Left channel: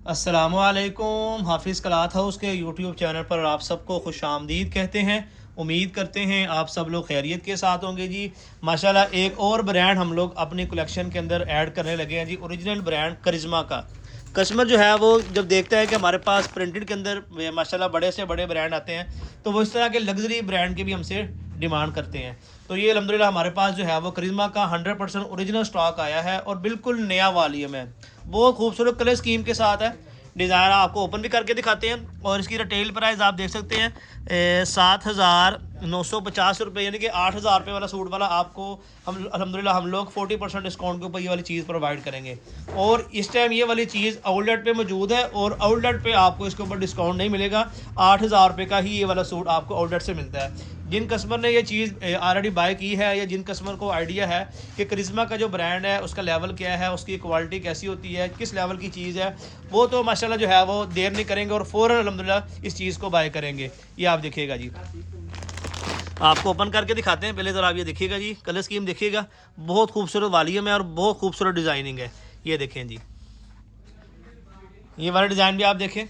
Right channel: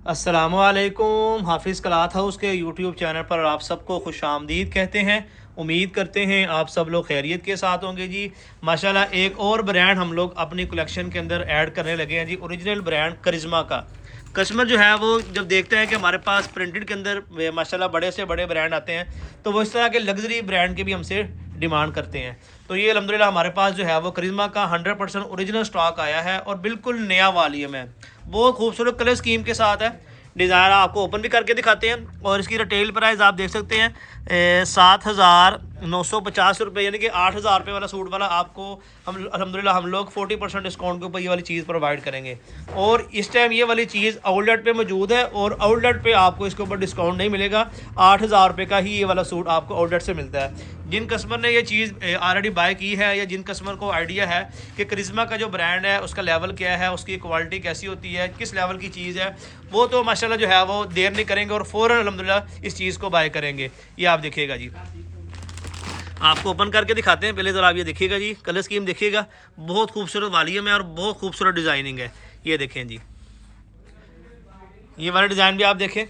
अस्सलामुअलैकुम। हाफिज़ cloth house के यूट्यूब चैनल पर आप सबको खुश आमदीद कहते हैं। उम्मीद करते हैं आप सब लोग खैरियत के साथ होंगे जी। माशाल्लाह एक और ब्रांड हम लोग अपनी कलेक्शन के अंदर ऐड करने लगे हैं जी, ओरिजिनल ब्रांड करिश्मा का। कस्टमर जो है वो जब देखता है कि हमारे पास प्रिंटेड के अंदर माशाल्लाह बड़े से बड़े ब्रांड आते हैं, तो वो इस तरह के लग्जरी ब्रांड के भी हमसे डिमांड करते हैं। तो ये अल्हम्दुलिल्लाह हमारे पास जो है वो करिश्मा का 100% ओरिजिनल स्टॉक आया है और बिल्कुल नया वॉल्यूम है। बहुत खूबसूरत कलर स्कीम के साथ है। डिज़ाइन आपको ओपन भी करके दिखाते हैं और इसकी रिटेल प्राइस आप देख सकते हैं 7,950 रुपये, यानी कि 8,000 रुपये वाला सूट वाला आपको हम अल्हम्दुलिल्लाह हम लोग 40% डिस्काउंट के ऊपर ये वाली चीज़ प्रोवाइड करेंगे। और इस टाइम ये वाली चीज़ आउटलेट पे मौजूद है और आउटलेट पे आपको इसके ऊपर डिस्काउंट नहीं मिलेगा। 8,000 रुपये का ही ये वाला सूट आपको आउटलेट से मिलता है। जिन कस्टमर ने ये चीज़ ऑलरेडी बाय की है या जिन कस्टमर को आइडिया है कि करिश्मा का जो ब्रांड है उसका लेवल क्या है, उसकी क्वालिटी कैसी होती है, किस लेवल की चीज़ है, वो तो माशाल्लाह जो है वो देर नहीं करेंगे और फ़ौरन अल्हम्दुलिल्लाह इस चीज़ को बाय करेंगे। ये आप देखिएगा जी, आपको ओपन करके दिखाते हैं। पहले ज़रा आप ये देखिएगा जी, कलर स्कीम देखिएगा, बहुत खूबसूरत वॉल्यूम है और बहुत खूबसूरत डिज़ाइनिंग है। ये देखें जी, ये वाला डिज़ाइन भी आप देखें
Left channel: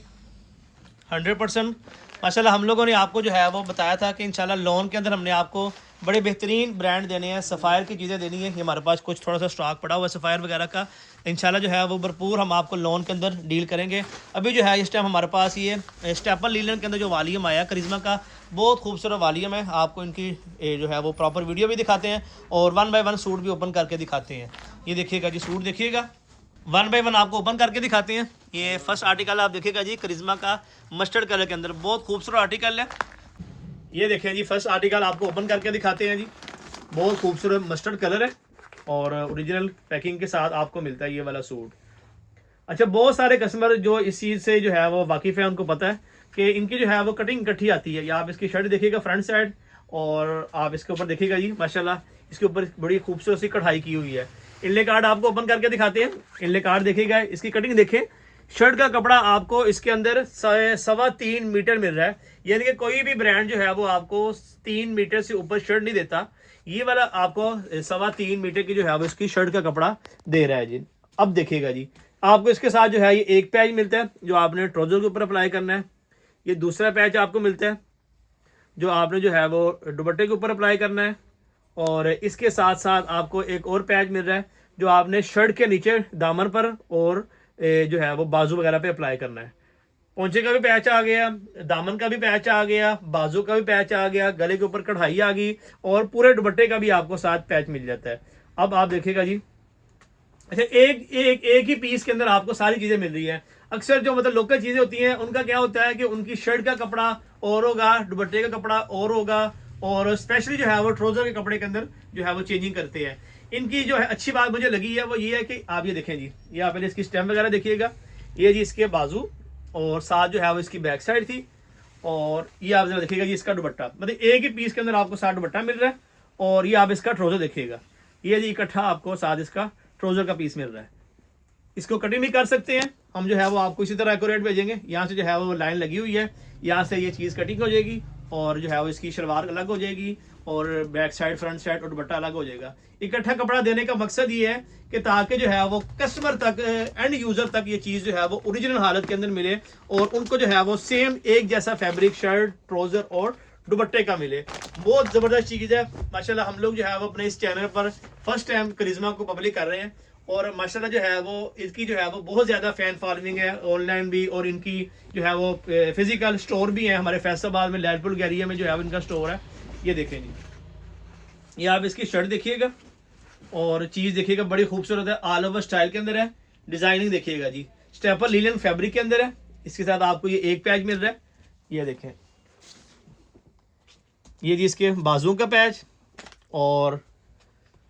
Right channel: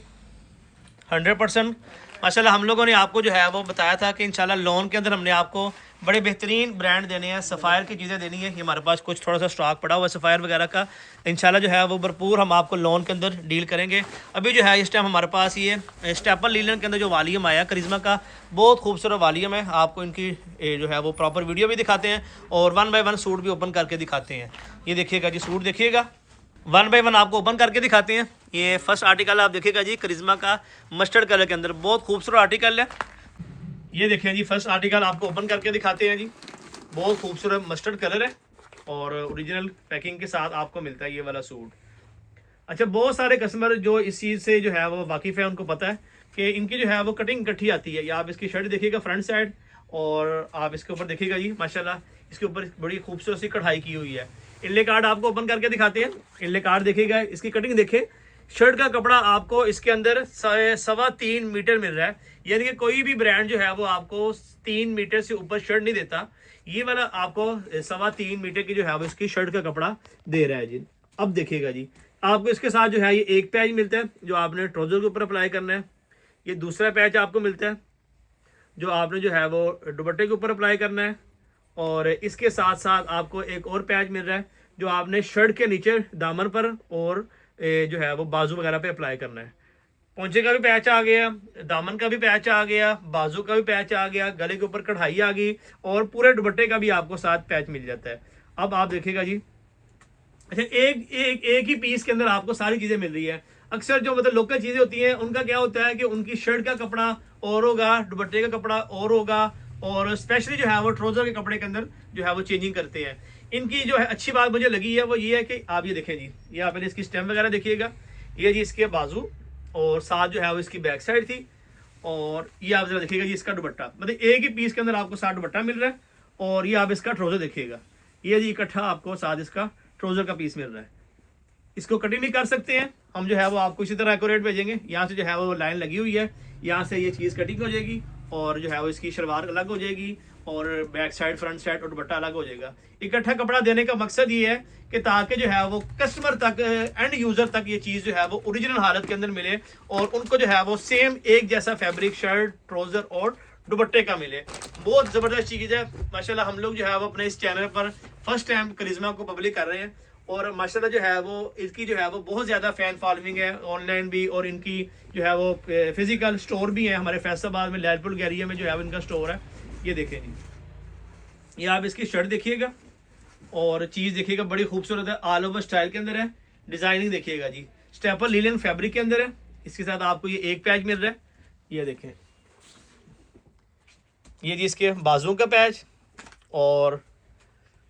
100% माशाल्लाह। हम लोगों ने आपको जो है वो बताया था कि इंशाल्लाह लोन के अंदर हमने आपको बड़े बेहतरीन ब्रांड देने हैं, सफ़ायर की चीज़ें देनी है। ये हमारे पास कुछ थोड़ा सा स्टॉक पड़ा हुआ है सफ़ायर वगैरह का। इंशाल्लाह जो है वो भरपूर हम आपको लोन के अंदर डील करेंगे। अभी जो है इस टाइम हमारे पास ये स्टेपल लीलन के अंदर जो वॉल्यूम आया करिश्मा का, बहुत खूबसूरत वॉल्यूम है। आपको इनकी जो है वो प्रॉपर वीडियो भी दिखाते हैं और 1 बाय 1 सूट भी ओपन करके दिखाते हैं। ये देखिएगा जी, सूट देखिएगा, 1 बाय 1 आपको ओपन करके दिखाते हैं। ये फर्स्ट आर्टिकल आप देखिएगा जी, करिश्मा का मस्टर्ड कलर के अंदर बहुत खूबसूरत आर्टिकल है। ये देखिए जी, फर्स्ट आर्टिकल आपको ओपन करके दिखाते हैं जी, बहुत खूबसूरत मस्टर्ड कलर है और ओरिजिनल पैकिंग के साथ आपको मिलता है ये वाला सूट। अच्छा, बहुत सारे कस्टमर जो इस चीज़ से जो है वो वाकिफ़ है, उनको पता है कि इनकी जो है वो कटिंग इकट्ठी आती है। या आप इसकी शर्ट देखिएगा फ्रंट साइड और आप इसके ऊपर देखिएगा जी, माशाल्लाह इसके ऊपर बड़ी खूबसूरत सी कढ़ाई की हुई है। इनले कार्ड आपको ओपन करके दिखाते हैं। इनले कार्ड देखिएगा, इसकी कटिंग देखिए। शर्ट का कपड़ा आपको इसके अंदर 3.25 मीटर मिल रहा है। यानी कि कोई भी ब्रांड जो है वो आपको 3 मीटर से ऊपर शर्ट नहीं देता। ये वाला आपको 3.25 मीटर की जो है वो इसकी शर्ट का कपड़ा दे रहा है जी। अब देखिएगा जी, आपको इसके साथ जो है ये एक पैच मिलता है जो आपने ट्राउजर के ऊपर अप्लाई करना है। ये दूसरा पैच आपको मिलता है जो आपने जो है वो दुपट्टे के ऊपर अप्लाई करना है। और इसके साथ साथ आपको एक और पैच मिल रहा है जो आपने शर्ट के नीचे दामन पर और जो है वो बाजू वगैरह पे अप्लाई करना है। पोंचे का भी पैच आ गया, दामन का भी पैच आ गया, बाजू का भी पैच आ गया, गले के ऊपर कढ़ाई आ गई और पूरे दुपट्टे का भी आपको साथ पैच मिल जाता है। अब आप देखिएगा जी, अच्छा एक ही पीस के अंदर आपको सारी चीजें मिल रही है। अक्सर जो मतलब लोकल चीजें होती हैं उनका क्या होता है कि उनकी शर्ट का कपड़ा और होगा, दुपट्टे का कपड़ा और होगा, और स्पेशली जो है वो ट्राउजर के कपड़े के अंदर जो है वो चेंजिंग करते हैं। इनकी जो है अच्छी बात मुझे लगी है वो ये है कि आप ये देखें जी, ये आप पहले इसकी स्टेम वगैरह देखिएगा। ये जी इसके बाजू और साथ जो है वो इसकी बैक साइड थी। और ये आप जरा देखिएगा जी, इसका दुपट्टा मतलब एक ही पीस के अंदर आपको साथ दुपट्टा मिल रहा है। और ये आप इसका ट्राउजर देखिएगा, ये जी इकट्ठा आपको साथ इसका ट्राउजर का पीस मिल रहा है। इसको कटिंग भी कर सकते हैं हम, जो है वो आपको इसी तरह एक्यूरेट भेजेंगे। यहाँ से जो है वो लाइन लगी हुई है, यहाँ से ये चीज़ कटिंग हो जाएगी और जो है वो इसकी शलवार अलग हो जाएगी और बैक साइड फ्रंट साइड और दुपट्टा अलग हो जाएगा। इकट्ठा कपड़ा देने का मकसद ये है कि ताकि जो है वो कस्टमर तक, एंड यूजर तक ये चीज़ जो है वो ओरिजिनल हालत के अंदर मिले और उनको जो है वो सेम एक जैसा फैब्रिक शर्ट ट्राउजर और दुपट्टे का मिले। बहुत ज़बरदस्त चीज़ है माशाल्लाह। हम लोग जो है वो अपने इस चैनल पर फर्स्ट टाइम करिश्मा को पब्लिक कर रहे हैं और माशाल्लाह जो है वो इसकी जो है वो बहुत ज़्यादा फ़ैन फॉलोइंग है ऑनलाइन भी, और इनकी जो है वो फिजिकल स्टोर भी है हमारे फैसलाबाद में, लैलपुर एरिया में जो है इनका स्टोर है। ये देखें जी, ये आप इसकी शर्ट देखिएगा और चीज़ देखिएगा, बड़ी खूबसूरत है, ऑल ओवर स्टाइल के अंदर है। डिज़ाइनिंग देखिएगा जी, स्टेपल लीलन फैब्रिक के अंदर है। इसके साथ आपको ये एक पैच मिल रहा है। ये देखें, ये जी इसके बाजू का पैच और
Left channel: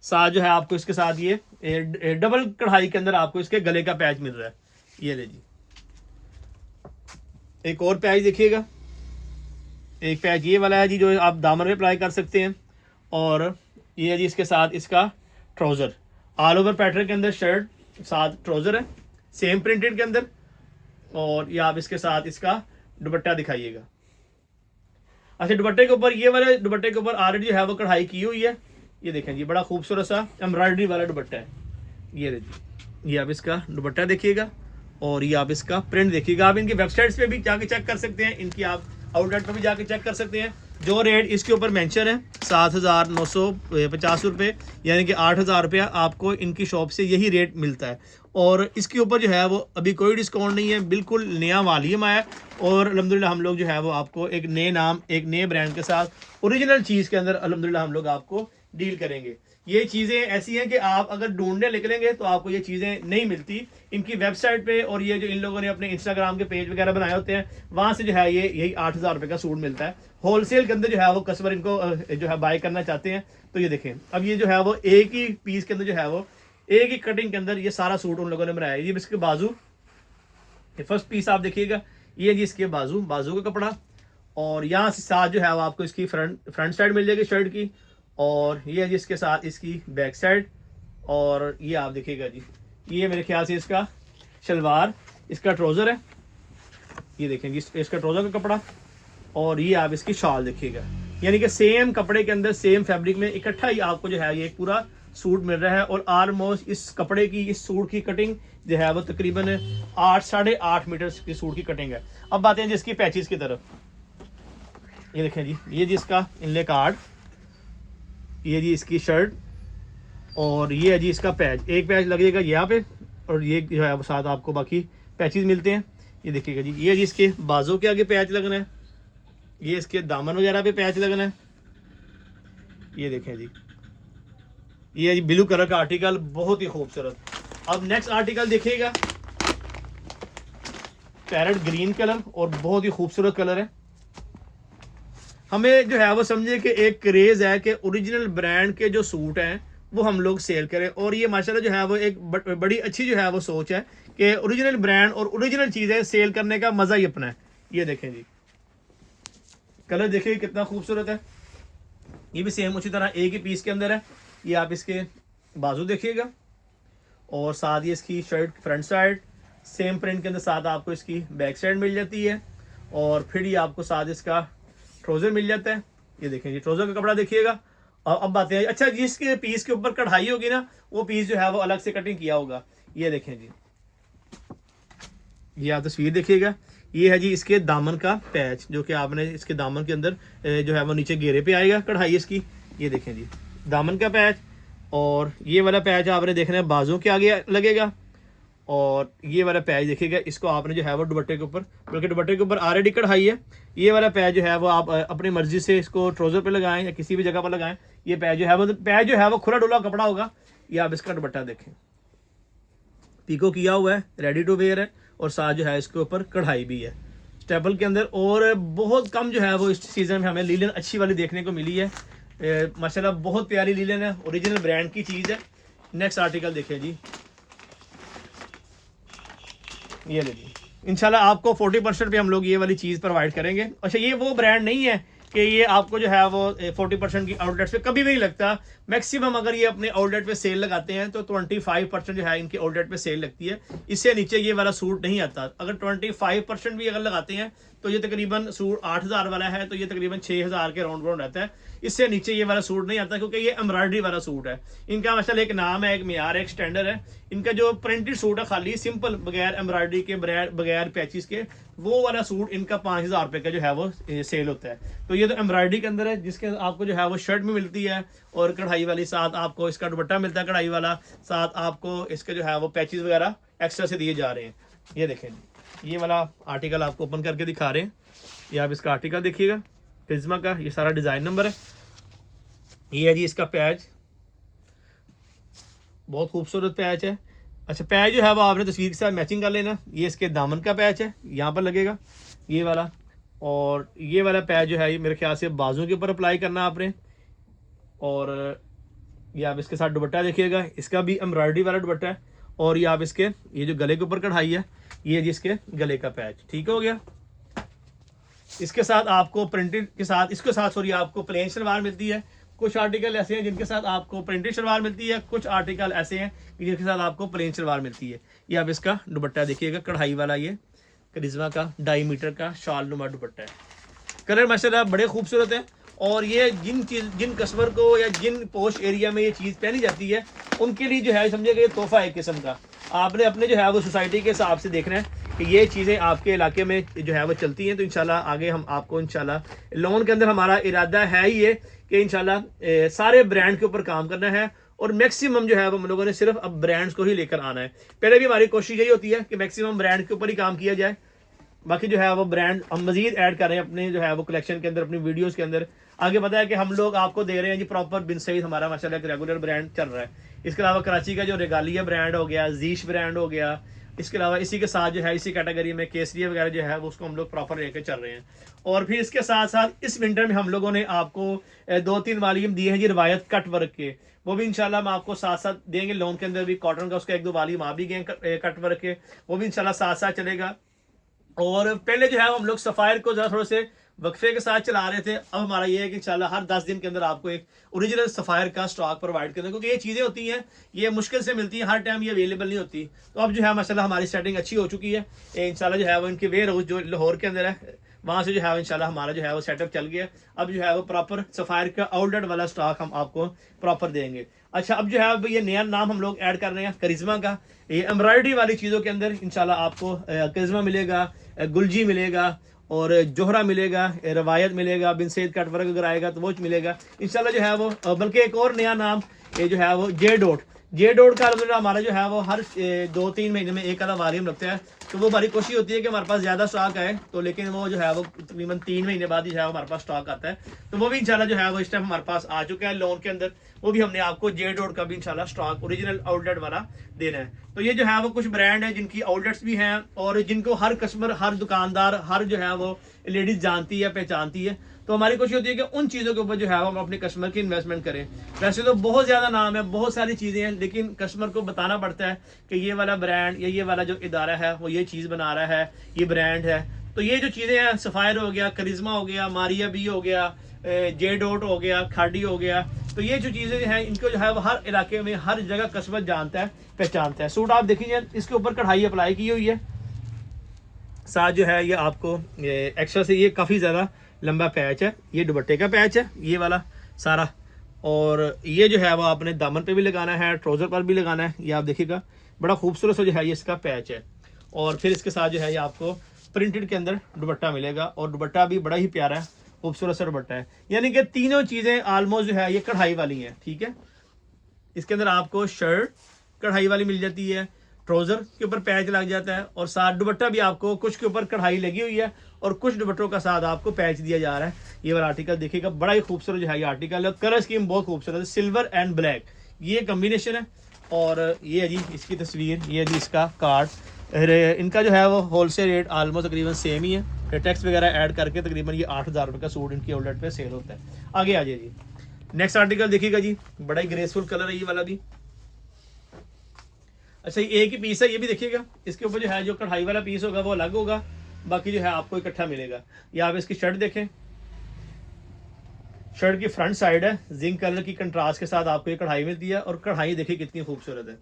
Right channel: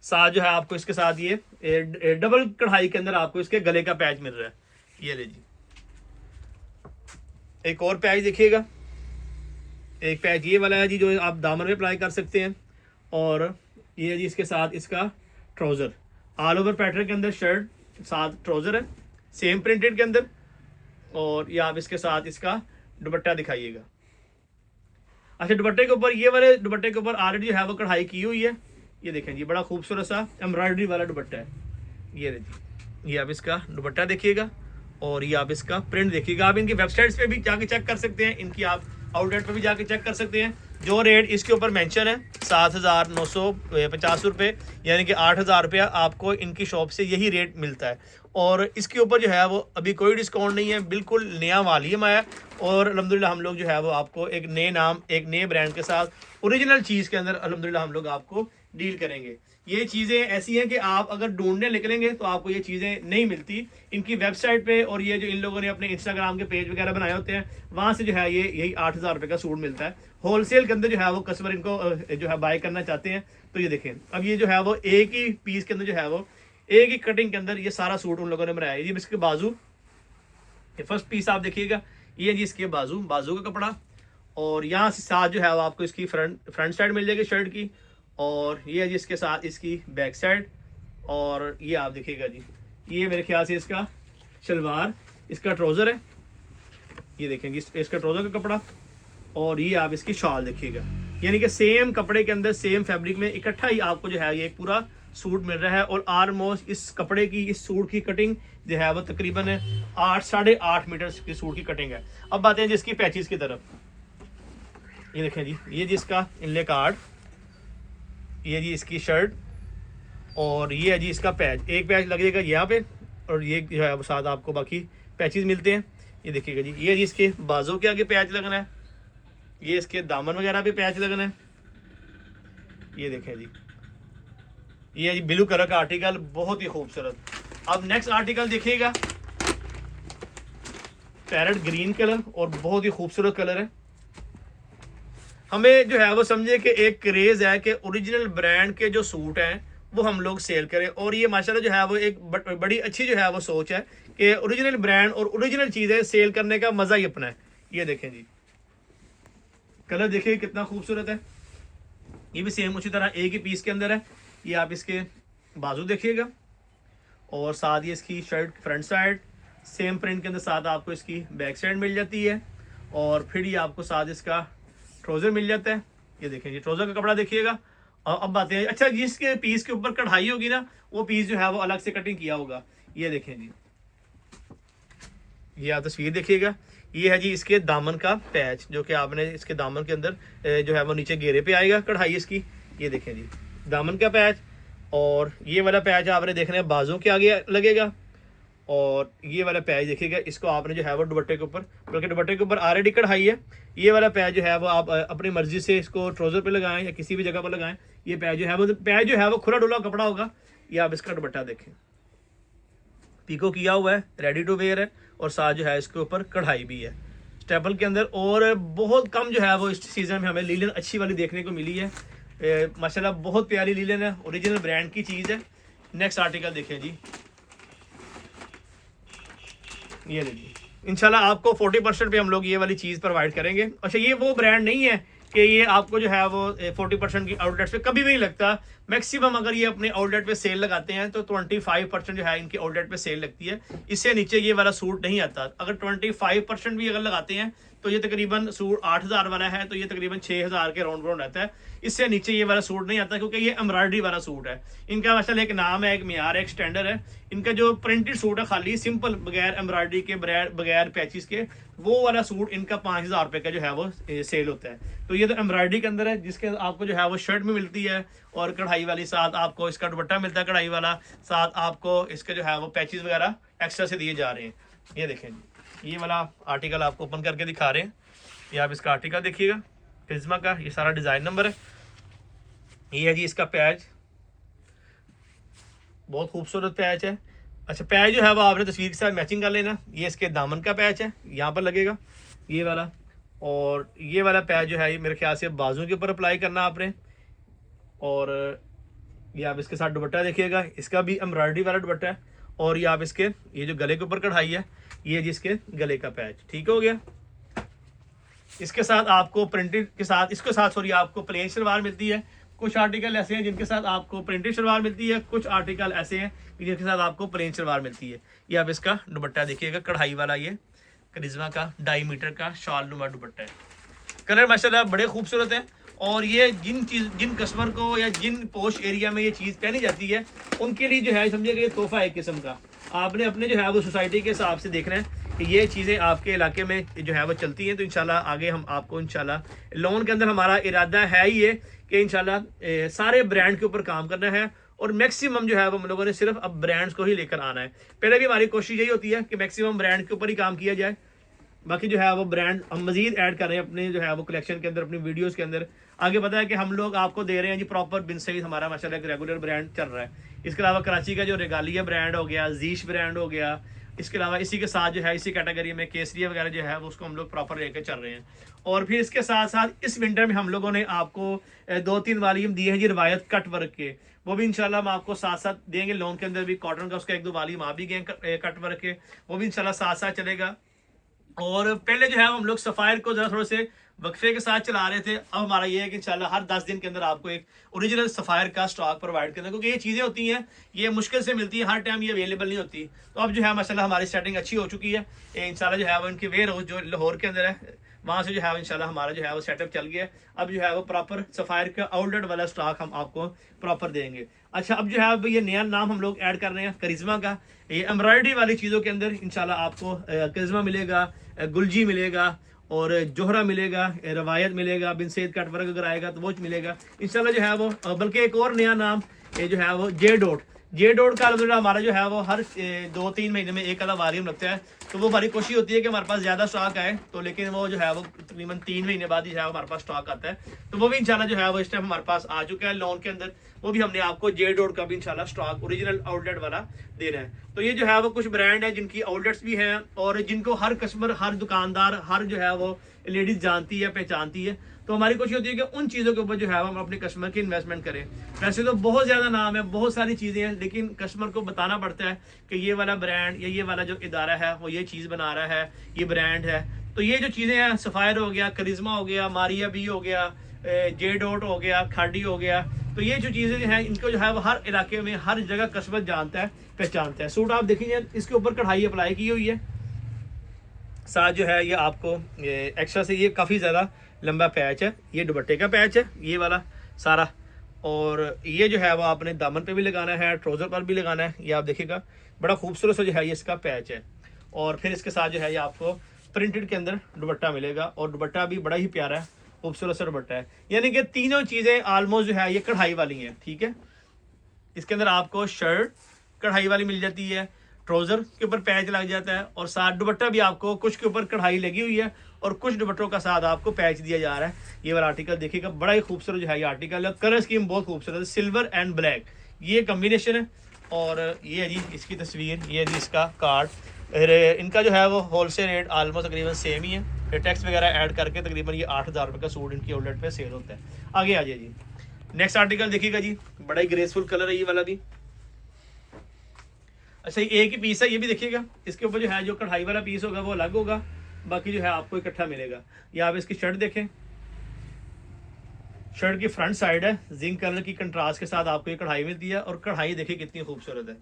साथ जो है आपको इसके साथ ये डबल कढ़ाई के अंदर आपको इसके गले का पैच मिल रहा है। ये लीजिए, एक और पैच देखिएगा, एक पैच ये वाला है जी जो आप दामन में अप्लाई कर सकते हैं। और ये है जी इसके साथ इसका ट्राउज़र, ऑल ओवर पैटर्न के अंदर शर्ट साथ ट्राउज़र है, सेम प्रिंटेड के अंदर। और ये आप इसके साथ इसका दुपट्टा दिखाइएगा। अच्छा, दुपट्टे के ऊपर, ये वाले दुपट्टे के ऊपर ऑलरेडी जो है वो कढ़ाई की हुई है। ये देखें जी, बड़ा खूबसूरत सा एम्ब्रॉयडरी वाला दुपट्टा है। ये जी, ये आप इसका दुपट्टा देखिएगा और ये आप इसका प्रिंट देखिएगा। आप इनकी वेबसाइट्स पे भी जाके चेक कर सकते हैं, इनकी आप आउटलेट पे भी जाके चेक कर सकते हैं। जो रेट इसके ऊपर मेंशन है 7,950 रुपये, यानी कि 8,000 रुपया आपको इनकी शॉप से यही रेट मिलता है। और इसके ऊपर जो है वो अभी कोई डिस्काउंट नहीं है, बिल्कुल नया माल ही है। और अल्हम्दुलिल्लाह हम लोग जो है वो आपको एक नए नाम, एक नए ब्रांड के साथ ओरिजिनल चीज़ के अंदर अल्हम्दुलिल्लाह हम लोग आपको डील करेंगे। ये चीज़ें ऐसी हैं कि आप अगर ढूंढने निकलेंगे तो आपको ये चीज़ें नहीं मिलती। इनकी वेबसाइट पे और ये जो इन लोगों ने अपने इंस्टाग्राम के पेज वगैरह बनाए होते हैं, वहाँ से जो है ये यही 8,000 रुपये का सूट मिलता है। होलसेल के अंदर जो है वो कस्टमर इनको जो है बाय करना चाहते हैं। तो ये देखें, अब ये जो है वो एक ही पीस के अंदर जो है वो एक ही कटिंग के अंदर ये सारा सूट उन लोगों ने बनाया है। ये इसके बाजू, ये फर्स्ट पीस आप देखिएगा, ये जी इसके बाजू का कपड़ा, और यहाँ से साथ जो है वो आपको इसकी फ्रंट साइड मिल जाएगी शर्ट की, और ये जी इसके साथ इसकी बैक साइड, और ये आप देखिएगा जी, ये मेरे ख्याल से इसका शलवार, इसका ट्राउज़र है, ये देखें जी इसका ट्राउज़र का कपड़ा, और ये आप इसकी शॉल देखिएगा। यानी कि सेम कपड़े के अंदर सेम फैब्रिक में इकट्ठा ही आपको जो है ये पूरा सूट मिल रहा है। और ऑलमोस्ट इस कपड़े की, इस सूट की कटिंग जो है वो तकरीबन 8-8.5 मीटर की सूट की कटिंग है। अब बातें हैं जिसकी पैचेस की तरफ, ये देखें जी, ये जी इसका इनले कार्ड, ये जी इसकी शर्ट, और ये है जी इसका पैच। एक पैच लगेगा यहाँ पे, और ये जो है वो साथ आपको बाकी पैचेस मिलते हैं। ये देखिएगा जी, ये जी इसके बाजू के आगे पैच लगना है, ये इसके दामन वगैरह पे पैच लगना है। ये देखें जी, ये जी ब्लू कलर का आर्टिकल, बहुत ही खूबसूरत। अब नेक्स्ट आर्टिकल देखिएगा, पैरेट ग्रीन कलर, और बहुत ही खूबसूरत कलर है। हमें जो है वो समझे कि एक क्रेज है कि ओरिजिनल ब्रांड के जो सूट हैं वो हम लोग सेल करें, और ये माशाल्लाह जो है वो एक बड़ी अच्छी जो है वो सोच है कि ओरिजिनल ब्रांड और ओरिजिनल चीज़ें सेल करने का मज़ा ही अपना है। ये देखें जी, कलर देखिए कितना खूबसूरत है। ये भी सेम उसी तरह एक ही पीस के अंदर है। ये आप इसके बाजू देखिएगा, और साथ ही इसकी shirt front side same print के अंदर, साथ आपको इसकी बैक साइड मिल जाती है, और फिर ये आपको साथ इसका ट्राउज़र मिल जाता है। ये देखें जी, ट्राउज़र का कपड़ा देखिएगा। और अब बातें हैं, अच्छा जिसके पीस के ऊपर कढ़ाई होगी ना, वो पीस जो है वो अलग से कटिंग किया होगा। ये देखें जी, ये आप तस्वीर देखिएगा, ये है जी इसके दामन का पैच, जो कि आपने इसके दामन के अंदर जो है वो नीचे घेरे पे आएगा कढ़ाई इसकी। ये देखें जी दामन का पैच, और ये वाला पैच आपने देखना है बाजू के आगे लगेगा, और ये वाला पैच देखिएगा, इसको आपने जो है वो दुपट्टे के ऊपर, बल्कि दुपट्टे के ऊपर ऑलरेडी कढ़ाई है। ये वाला पैच जो है वो आप अपनी मर्जी से इसको ट्राउज़र पे लगाएं या किसी भी जगह पर लगाएं। ये पैच जो है वो खुला डुला कपड़ा होगा। ये आप इसका दुपट्टा देखें, पीको किया हुआ है, रेडी टू वेयर है, और साथ जो है इसके ऊपर कढ़ाई भी है स्टेपल के अंदर। और बहुत कम जो है वो इस सीज़न में हमें लीलन अच्छी वाली देखने को मिली है। माशाल्लाह बहुत प्यारी लीलन है, ओरिजिनल ब्रांड की चीज़ है। नेक्स्ट आर्टिकल देखिए जी, ये लीजिए, इंशाल्लाह आपको 40% पे हम लोग ये वाली चीज़ प्रोवाइड करेंगे। अच्छा, ये वो ब्रांड नहीं है कि ये आपको जो है वो 40% की आउटलेट्स पे कभी भी नहीं लगता। मैक्सिमम अगर ये अपने आउटलेट पे सेल लगाते हैं तो 25% जो है इनकी आउटलेट पे सेल लगती है। इससे नीचे ये वाला सूट नहीं आता। अगर 25% भी अगर लगाते हैं तो ये तकरीबन सूट 8,000 वाला है, तो ये तकरीबन 6,000 के राउंड राउंड आता है। इससे नीचे ये वाला सूट नहीं आता, क्योंकि ये एम्ब्रॉयडरी वाला सूट है। इनका माशाल्लाह एक नाम है, एक मियार है, एक स्टैंडर्ड है। इनका जो प्रिंटेड सूट है खाली सिंपल, बगैर एम्ब्रॉयडरी के, बगैर पैचेस के, वो वाला सूट इनका 5,000 रुपये का जो है वो सेल होता है। तो ये तो एम्ब्रॉयडरी के अंदर है, जिसके आपको जो है वो शर्ट भी मिलती है, और कढ़ाई वाली, साथ आपको इसका दुपट्टा मिलता है कढ़ाई वाला, साथ आपको इसके जो है वो पैचेस वगैरह एक्स्ट्रा से दिए जा रहे हैं। ये देखें, ये वाला आर्टिकल आपको ओपन करके दिखा रहे हैं। ये आप इसका आर्टिकल देखिएगा, प्रिज्मा का, ये सारा डिज़ाइन नंबर है। ये है जी इसका पैच, बहुत खूबसूरत पैच है। अच्छा, पैच जो है वो आपने तस्वीर के साथ मैचिंग कर लेना। ये इसके दामन का पैच है, यहाँ पर लगेगा ये वाला, और ये वाला पैच जो है ये मेरे ख्याल से बाजू के ऊपर अप्लाई करना आपने। और ये आप इसके साथ दुपट्टा देखिएगा, इसका भी एम्ब्रॉयडरी वाला दुपट्टा है, और ये आप इसके ये जो गले के ऊपर कढ़ाई है, ये जी इसके गले का पैच, ठीक हो गया। इसके साथ आपको प्रिंटेड के साथ, इसके साथ सॉरी आपको प्लेन सलवार मिलती है। कुछ आर्टिकल ऐसे हैं जिनके साथ आपको प्रिंटेड सलवार मिलती है, कुछ आर्टिकल ऐसे हैं जिनके साथ आपको प्लेन सलवार मिलती है। ये आप इसका दुपट्टा देखिएगा, कढ़ाई वाला, ये करिश्मा का 2.5 मीटर का शाल नुमा दुपट्टा है। कलर माशाल्लाह बड़े खूबसूरत है, और ये जिन कस्टमर को या जिन पोश एरिया में ये चीज़ पहनी जाती है उनके लिए जो है समझिएगा ये तोहफा एक किस्म का। आपने अपने जो है वो सोसाइटी के हिसाब से देखना है कि ये चीज़ें आपके इलाके में जो है वो चलती हैं। तो इंशाल्लाह आगे हम आपको इंशाल्लाह लोन के अंदर हमारा इरादा है ही ये कि इंशाल्लाह सारे ब्रांड के ऊपर काम करना है और मैक्सिमम जो है वो हम लोगों ने सिर्फ अब ब्रांड्स को ही लेकर आना है। पहले भी हमारी कोशिश यही होती है कि मैक्सिमम ब्रांड के ऊपर ही काम किया जाए, बाकी जो है वो ब्रांड हम मजीद ऐड कर रहे हैं अपने जो है वो कलेक्शन के अंदर, अपनी वीडियोस के अंदर। आगे पता है कि हम लोग आपको दे रहे हैं जी प्रॉपर बिन सईद, हमारा माशाल्लाह एक रेगुलर ब्रांड चल रहा है। इसके अलावा कराची का जो रेगालिया ब्रांड हो गया, जीश ब्रांड हो गया, इसके अलावा इसी के साथ जो है इसी कैटेगरी में केसरिया वगैरह जो है वो उसको हम लोग प्रॉपर लेके चल रहे हैं। और फिर इसके साथ साथ इस विंटर में हम लोगों ने आपको 2-3 वालीम दिए हैं जी रिवायत कट वर्क के, वो भी इंशाल्लाह हम आपको साथ साथ देंगे। लोन के अंदर भी कॉटन का उसका 1-2 वालीम आ भी गए कट वर्क के, वो भी इंशाल्लाह साथ साथ चलेगा। और पहले जो है हम लोग सफायर को जरा थोड़े से वक्फे के साथ चला रहे थे, अब हमारा ये है कि इंशाल्लाह हर 10 दिन के अंदर आपको एक ओरिजिनल सफायर का स्टॉक प्रोवाइड करना, क्योंकि ये चीज़ें होती हैं ये मुश्किल से मिलती हैं, हर टाइम ये अवेलेबल नहीं होती। तो अब जो है माशाल्लाह हमारी सेटिंग अच्छी हो चुकी है। इंशाल्लाह जो है वो इनके वेयर हाउस जो लाहौर के अंदर है वहाँ से जो है इंशाल्लाह हमारा जो है वो सेटअप चल गया। अब जो है वो प्रॉपर सफायर का आउटलेट वाला स्टॉक हम आपको प्रॉपर देंगे। अच्छा, अब जो है अब ये नया नाम हम लोग ऐड कर रहे हैं करिश्मा का। ये एम्ब्रॉयडरी वाली चीज़ों के अंदर इंशाल्लाह आपको करिश्मा मिलेगा, गुलजी मिलेगा और जोहरा मिलेगा, रवायत मिलेगा, बिन सैयद कट वर्क अगर आएगा तो वो मिलेगा इंशाल्लाह जो है वो। बल्कि एक और नया नाम ये जो है वो जे डॉट का अलग हमारा जो है वो हर 2-3 महीने में एक आधा वारियम रखते हैं। तो वो हमारी कोशिश होती है कि हमारे पास ज़्यादा स्टॉक आए, तो लेकिन वो जो है वो तकरीबन 3 महीने बाद ही जो है हमारे पास स्टॉक आता है। तो वो भी इंशाल्लाह जो है वो इस टाइम हमारे पास आ चुका है लोन के अंदर। वो भी हमने आपको जे डॉट का भी इंशाल्लाह स्टॉक ओरिजिनल आउटलेट वाला देना है। तो ये जो है वो कुछ ब्रांड है जिनकी आउटलेट्स भी हैं और जिनको हर कस्टमर, हर दुकानदार, हर जो है वो लेडीज जानती है, पहचानती है। तो हमारी कोशिश होती है कि उन चीज़ों के ऊपर जो है हम अपने कस्टमर की इन्वेस्टमेंट करें। वैसे तो बहुत ज़्यादा नाम है, बहुत सारी चीज़ें हैं, लेकिन कस्टमर को बताना पड़ता है कि ये वाला ब्रांड या ये वाला जो इदारा है वो ये चीज़ बना रहा है, ये ब्रांड है। तो ये जो चीज़ें हैं, सफायर हो गया, करिश्मा हो गया, मारिया बी हो गया, जे डॉट हो गया, खाड़ी हो गया, तो ये जो चीज़ें हैं इनको जो है वो हर इलाके में हर जगह कस्टमर जानता है, पहचानता है। सूट आप देखिए इसके ऊपर कढ़ाई अप्लाई की हुई है, साथ जो है ये आपको एक्स्ट्रा से ये काफ़ी ज़्यादा लंबा पैच है, ये दुपट्टे का पैच है ये वाला सारा। और ये जो है वो आपने दामन पे भी लगाना है, ट्राउज़र पर भी लगाना है। ये आप देखिएगा बड़ा खूबसूरत सा जो है ये इसका पैच है। और फिर इसके साथ जो है ये आपको प्रिंटेड के अंदर दुपट्टा मिलेगा और दुपट्टा भी बड़ा ही प्यारा है, खूबसूरत सा दुपट्टा है। यानी कि तीनों चीज़ें ऑलमोस्ट जो है ये कढ़ाई वाली हैं, ठीक है। इसके अंदर आपको शर्ट कढ़ाई वाली मिल जाती है, ट्राउजर के ऊपर पैच लग जाता है और साथ दुपट्टा भी आपको कुछ के ऊपर कढ़ाई लगी हुई है और कुछ दुपट्टों का साथ आपको पैच दिया जा रहा है। ये वाला आर्टिकल देखिएगा, बड़ा ही खूबसूरत जो है ये आर्टिकल है। कलर स्कीम बहुत खूबसूरत है, सिल्वर एंड ब्लैक ये कम्बिनेशन है। और ये है जी इसकी तस्वीर, ये जी इसका कार्ड। इनका जो है वो होलसेल रेट ऑलमोस्ट तकरीबन सेम ही है, टैक्स वगैरह ऐड करके तकरीबन ये 8,000 रुपये का सूट इनकी आउटलेट पे सेल होता है। आगे आ जाइए जी, नेक्स्ट आर्टिकल देखिएगा जी, बड़ा ही ग्रेसफुल कलर है ये वाला भी। अच्छा, एक ही पीस है, ये भी देखिएगा। इसके ऊपर जो है जो कढ़ाई वाला पीस होगा वो अलग होगा, बाकी जो है आपको इकट्ठा मिलेगा। ये आप इसकी शर्ट देखें, शर्ट की फ्रंट साइड है, जिंक कलर की कंट्रास्ट के साथ आपको ये कढ़ाई मिलती है और कढ़ाई देखिए कितनी खूबसूरत है।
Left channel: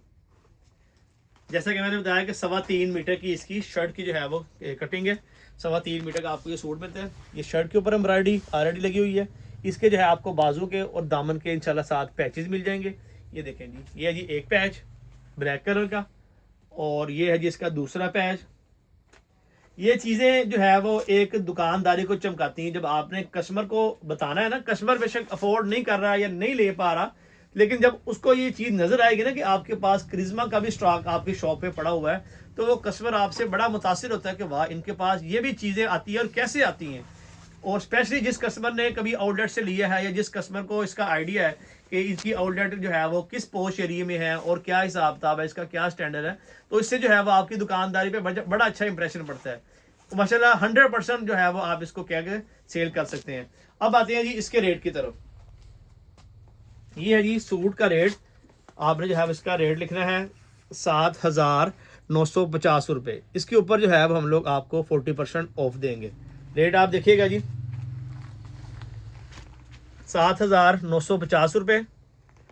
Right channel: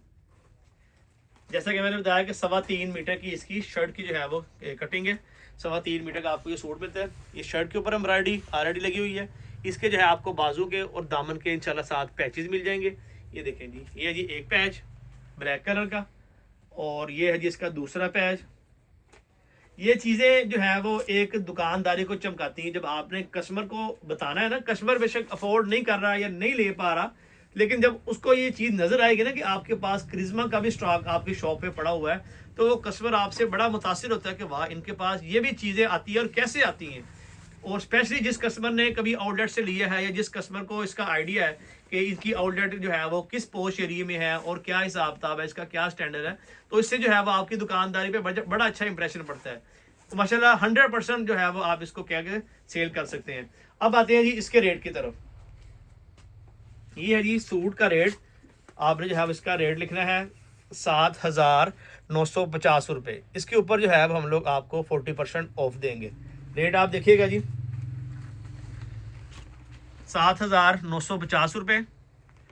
जैसा कि मैंने बताया कि 3.25 मीटर की इसकी शर्ट की जो है वो कटिंग है, 3.25 मीटर का आपको ये सूट मिलता है। ये शर्ट के ऊपर एम्ब्रॉयडरी ऑलरेडी लगी हुई है। इसके जो है आपको बाजू के और दामन के इंशाल्लाह साथ पैचेस मिल जाएंगे। ये देखें जी, ये है जी एक पैच ब्लैक कलर का और ये है जी इसका दूसरा पैच। ये चीज़ें जो है वो एक दुकानदारी को चमकाती हैं। जब आपने कस्टमर को बताना है ना, कस्टमर बेशक अफोर्ड नहीं कर रहा है या नहीं ले पा रहा, लेकिन जब उसको ये चीज़ नज़र आएगी ना कि आपके पास करिश्मा का भी स्टॉक आपकी शॉप पे पड़ा हुआ है, तो वो कस्टमर आपसे बड़ा मुतासिर होता है कि वाह इनके पास ये भी चीज़ें आती हैं और कैसे आती हैं। और स्पेशली जिस कस्टमर ने कभी आउटलेट से लिया है या जिस कस्टमर को इसका आइडिया है कि इसकी आउटलेट जो है वो किस पोश एरिया में है और क्या हिसाब किताब है, इसका क्या स्टैंडर्ड है, तो इससे जो है वो आपकी दुकानदारी पे बड़ा अच्छा इंप्रेशन पड़ता है। तो माशाल्लाह 100% जो है वो आप इसको क्या के सेल कर सकते हैं। अब आते हैं जी इसके रेट की तरफ। ये है जी सूट का रेट, आपने जो है इसका रेट लिखना है 7,950 रुपये। इसके ऊपर जो है अब हम लोग आपको 40% ऑफ देंगे। रेट आप देखिएगा जी, 7,950 रुपये,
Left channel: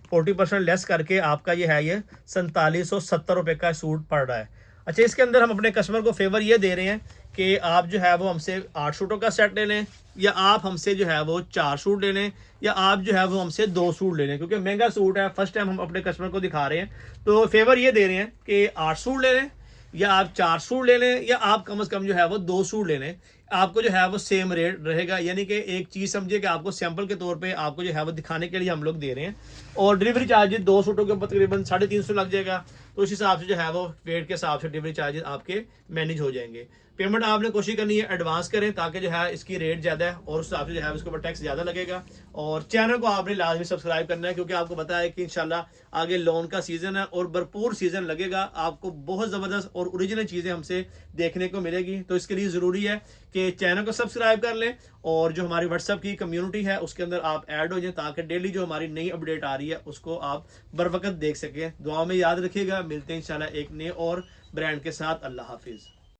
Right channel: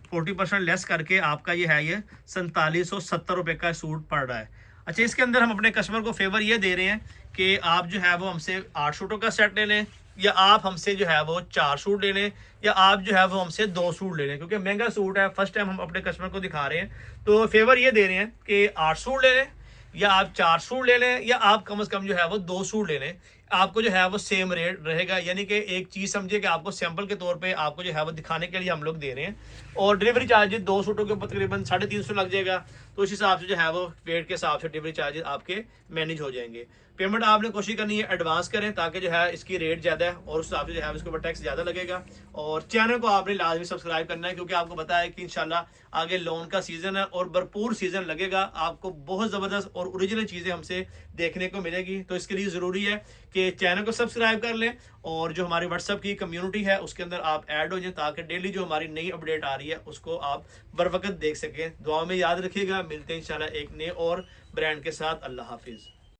40% लेस करके आपका ये है ये 4770 रुपये का सूट पड़ रहा है। अच्छा, इसके अंदर हम अपने कस्टमर को फेवर ये दे रहे हैं कि आप जो है वो हमसे 8 सूटों का सेट ले लें, या आप हमसे जो है वो 4 सूट ले लें, या आप जो है वो हमसे 2 सूट ले लें, क्योंकि महंगा सूट है, फर्स्ट टाइम हम अपने कस्टमर को दिखा रहे हैं। तो फेवर ये दे रहे हैं कि 8 सूट ले लें, या आप 4 सूट ले लें, या आप कम से कम जो है वो 2 सूट ले लें, आपको जो है वो सेम रेट रहेगा। यानी कि एक चीज़ समझिए कि आपको सैंपल के तौर पे आपको जो है वो दिखाने के लिए हम लोग दे रहे हैं, और डिलीवरी चार्जेस 2 सूटों के ऊपर तकरीबन 350 लग जाएगा। तो उस हिसाब से जो है वो वेट के हिसाब से डिलीवरी चार्जेस आपके मैनेज हो जाएंगे। पेमेंट आपने कोशिश करनी है एडवांस करें, ताकि जो है इसकी रेट ज़्यादा है और उस हिसाब से जो है इसके ऊपर टैक्स ज़्यादा लगेगा। और चैनल को आपने लाजमी सब्सक्राइब करना है, क्योंकि आपको पता है कि इंशाल्लाह आगे लोन का सीज़न है और भरपूर सीज़न लगेगा, आपको बहुत ज़बरदस्त और ओरिजिनल चीज़ें हमसे देखने को मिलेगी। तो इसके लिए ज़रूरी है कि चैनल को सब्सक्राइब कर लें, और जो हमारी व्हाट्सएप की कम्युनिटी है उसके अंदर आप ऐड हो जाएं, ताकि डेली जो हमारी नई अपडेट आ रही है उसको आप बर वक्त देख सकें। दुआ में याद रखिएगा, मिलते हैं इंशाल्लाह एक नए और ब्रांड के साथ। अल्लाह हाफिज़।